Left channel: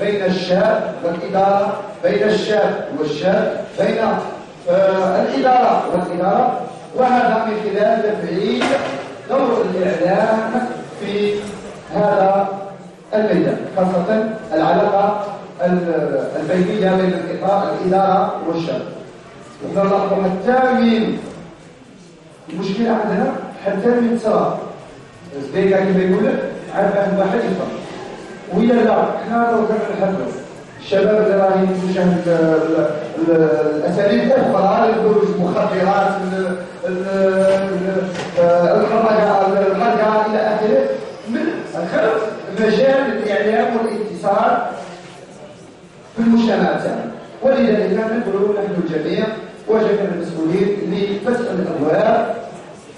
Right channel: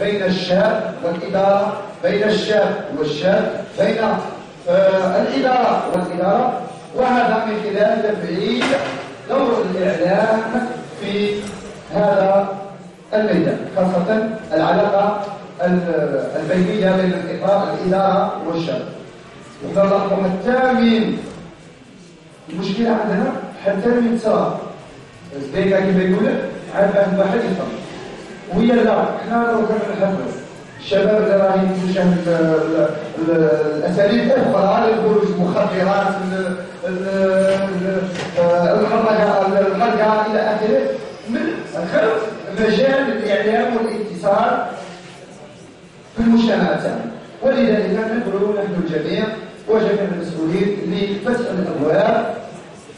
بين الشاب والإدارة، بين الشاب والشاب، بين الإدارة والإدارة، وهذا من خلال تفعيل دور الإعلام في هذا الميدان، خاصة العلاقة البينية بين الإدارة والشاب. ونلاحظ حتى من المشكلة عندنا حتى من تصرف زيك كيف يقول عاد واحد يفهم ويا لا احنا لو كان نحبوا الشباب اللي راهي تشاهد الاساليب الاخرى للخروج المخدرات الخرقه الى اخره من خلف مجال الاعلام والاتصال في المجتمع تاعنا. ولذلك ندعو نحن الجميع وجميع المسؤولين لفتح الابواب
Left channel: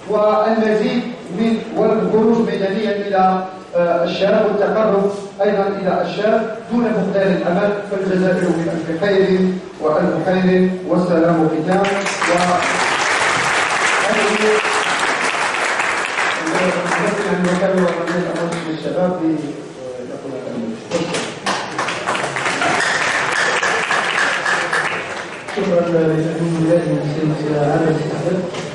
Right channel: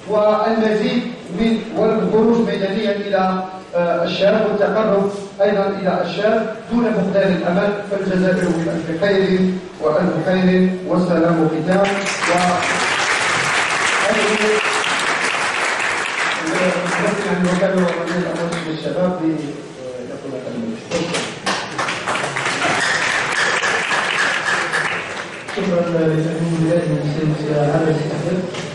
والمزيد من والخروج ميدانيا الى الشاب والتقرب ايضا الى الشاب دون فقدان الامل. فالجزائر بألف خير والف خير والسلام ختام. وكان وكيل الامر للشباب يقول شكرا لتقديم الولايات المسلمة على هذا الاستقبال.